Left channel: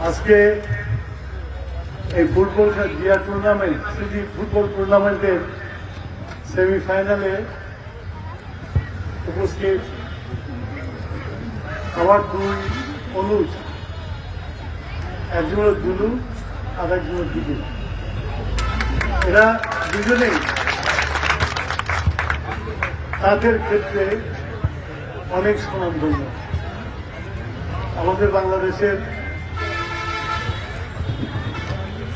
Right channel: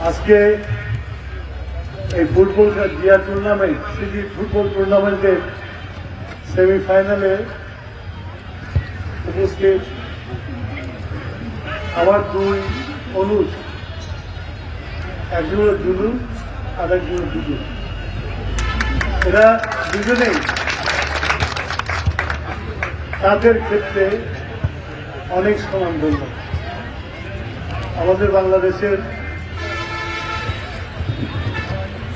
আজকে এই football Zia tournament city football টুর্নামেন্টের সেমিফাইনালে উপস্থিত আমার দুই অনুজ একজন হলো দুলু আর একজন হলো দুদু এরা দুজনেই তাদের ক্ষেত্রে অনেক সুনামধন্য আমাদের বাংলাদেশের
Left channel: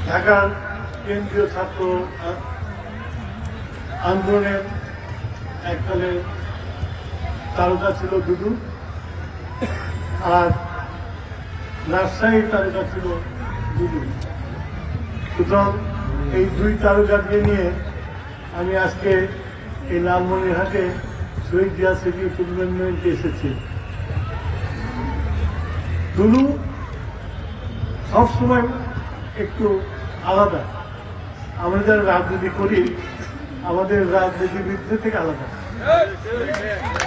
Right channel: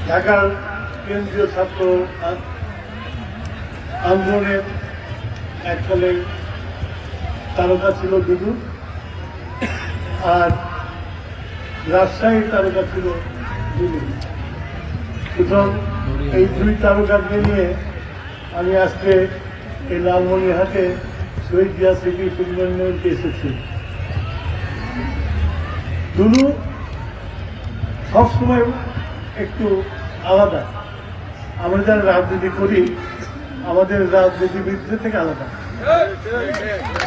ঢাকার কেন্দ্রীয় ছাত্র আন্দোলনের এককালে তারকা ছিল দুদু আর রাজশাহীর তারকা ছিল দুদু সুতরাং এই দুই তারকাকে নিয়ে আমি আজকে এই লালমনিরহাটে শহীদ জিয়া সিটি টুর্নামেন্টে এসেছি। দুলু সবসময় একটু আলাদা। আমরা যারা রাজনীতি করি, আমাদের রাজনীতিবিদদের থেকে আলাদা।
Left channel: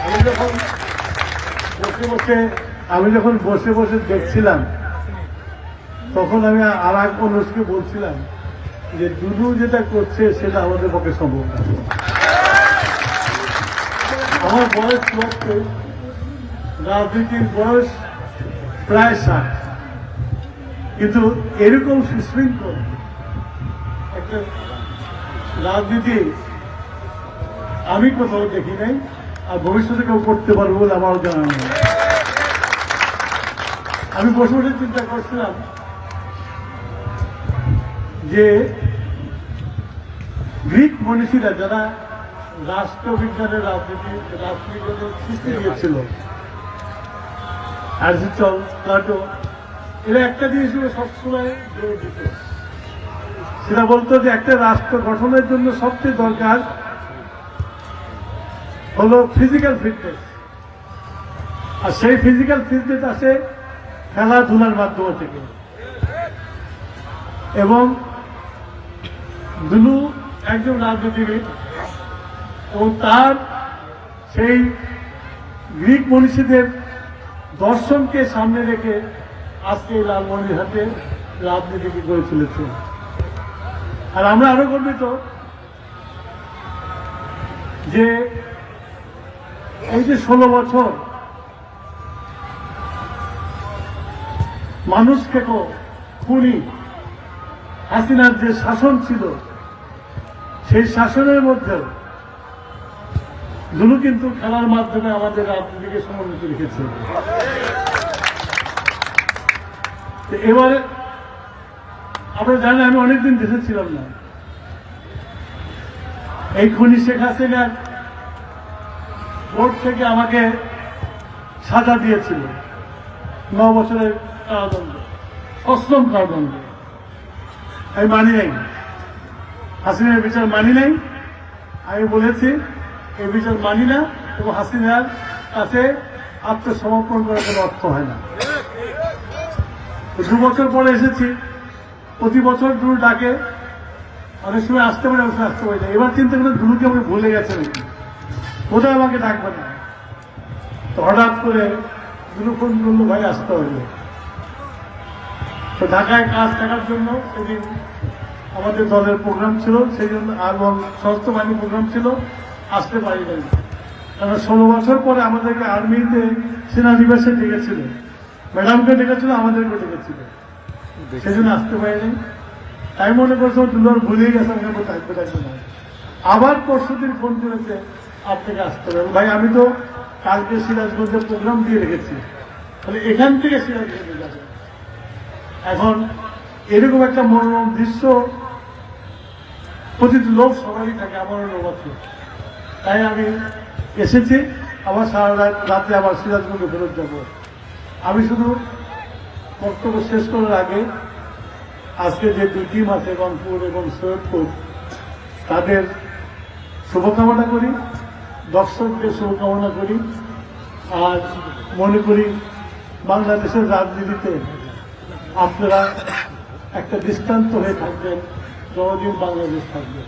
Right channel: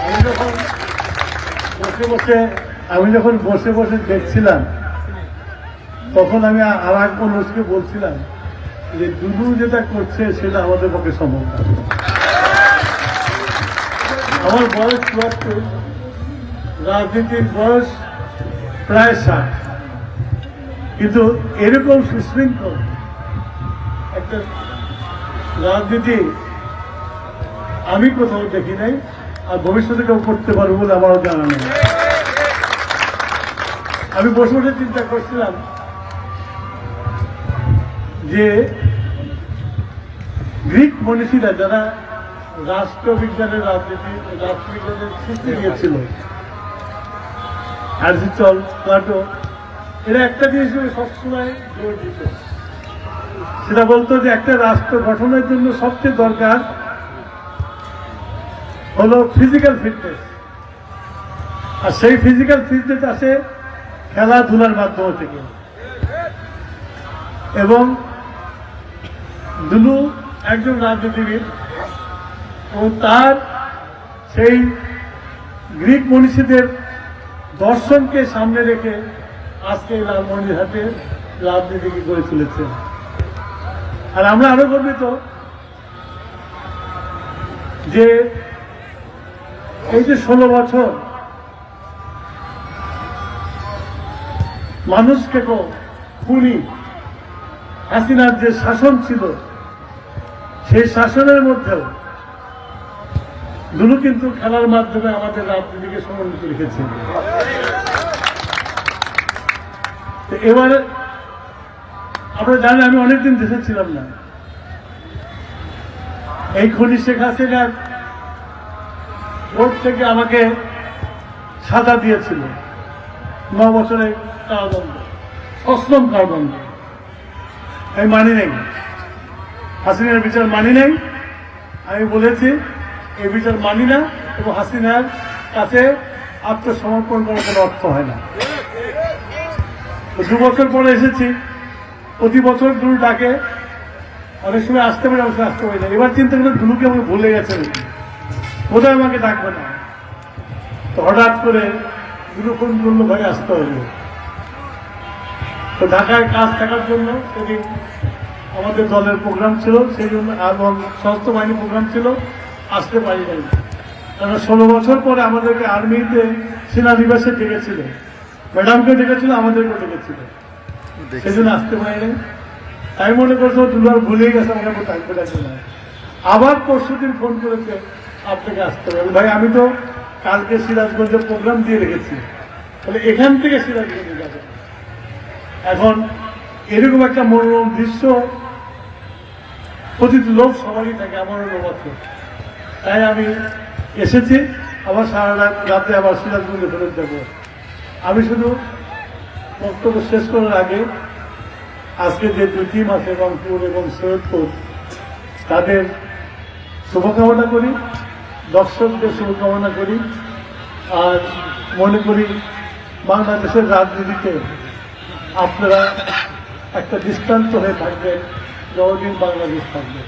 আমি যখন বসে বসে, আমি যখন বসে বসে দেখছিলাম, তখন আমি আর এক মানুষকে বলছিলাম যে দুদু যেটা করছে, সেটা আমাদের পক্ষে সম্ভব আমার বয়স চুয়াত্তর। রাজনীতির বয়স ষাট। কিন্তু এরকম সুশৃঙ্খল একটা রাজনীতি আমি কোথাও দেখি নাই আর ভবিষ্যতে কেউ করতে পারব বলে আমারও জানা নেই। আমি বসে বসে চিন্তা করছিলাম যে গ্রিক মনীষীরা যারা রাষ্ট্রবিজ্ঞানের রাজনীতি, রাষ্ট্রবিজ্ঞানের সৃষ্টি দিয়েছিল অ্যারিস্টল প্লাটো এরা একটা জিনিস সবসময় সেটা বলতো যে একটা রাষ্ট্র গঠনের জন্য সবচেয়ে দরকার হলো ফিজিক্যাল ফিটনেস আর সেই ফিজিক্যাল ফিটনেস আসে খেলাধুলার মাধ্যমে থেকে। এবং দুলু একজন রাজনীতিবিদ ও তার সেই গ্রিক মনীষীদের দর্শনকে সামনে রেখে আজকে লালমনির হাতে রাজনীতিকে গড়ে তুলেছে। আর আমি আরও গর্বিত যে এই যে ষোলো বছর মানুষকে তো খুনি হাসিনার যে শাসন ছিল, সেই শাসনের মধ্যেও দুলু কিন্তু খেলার মাধ্যমে আমাদের রাজনীতিকে সমন্বিত রেখেছে। এবারে আমরা জানি, আমি অনেকদিন দেশে ছিলাম না। এই খনি শেখ হাসিনার কোর্ট থেকে আমাকে সাজা দিয়েছিল। ন বছরের কারাদণ্ড, অষ্টম কারাদণ্ড। আমি মানি নাই। হাসিনার বিচার মানি নাই। আমি বলেছি এই বিচার মানি না এবং হাসিনার কাছে আত্মসমর্পণ করার কোনো অর্থ হয় না। দু বছর পরে এসেছি। প্রতি বছর দুটো ডাকে। অনেক সময় আসতে পারে অবশ্যই আসতে পারে না। এবার চিন্তা করে দুলুকে আমি ভুলে গেছে বোধহয় আমাকে ডাকবে না। তো হঠাৎ করে দুলু ফোন করল ভাই আসতে হইল তো ঢাকায় কাজ থাকার জন্য সেদিন আমাদের দলের প্রোগ্রাম ছিল, সেই জন্য এবং স্বাস্থ্য বাহিনী প্রোগ্রাম ছিল। আসতে পারি নাই কারণ ষোলো বছর পরে আমাদেরকে আর্মিতে সেনানিবাসে ডেকেছিল। ম্যাডামকে ডেকেছিল আমাদেরকে ডেকেছিল। সেজন্য আসতে পারিনি। তাই মনে করছ দুলার ভুলে গেছে মনে থাকবে না আবার পরশু দিন ফোন করেছে আপনাকে আসতে হবে। ভাই আমি তো কালকে সিরাজগঞ্জের প্রোগ্রাম দিয়ে রেখেছি। তাহলে এখান থেকে সিরাজগঞ্জে যাবে। এখন এরকম একটা মনোরম দৃশ্য প্রতি লোক সবারই থাকে আমারও লক্ষ্য তাই আমি এসেছি আবার সারা রাত রাতে আবার সিরাজগঞ্জে ফেরত যাব। আমি শুধু বক্তব্য শেষ করার আগে আজকে যে দুই টিম আছে রংপুর এবং সৈয়দপুর, তাদের শুভকামনা করি, দর্শকদের শুভকামনা করি আর মনে করি বাংলাদেশের রাজনীতিতে আপনারা একটা দৃষ্টান্ত হয়ে থাকবেন যতদিন বাংলাদেশ থাকবে।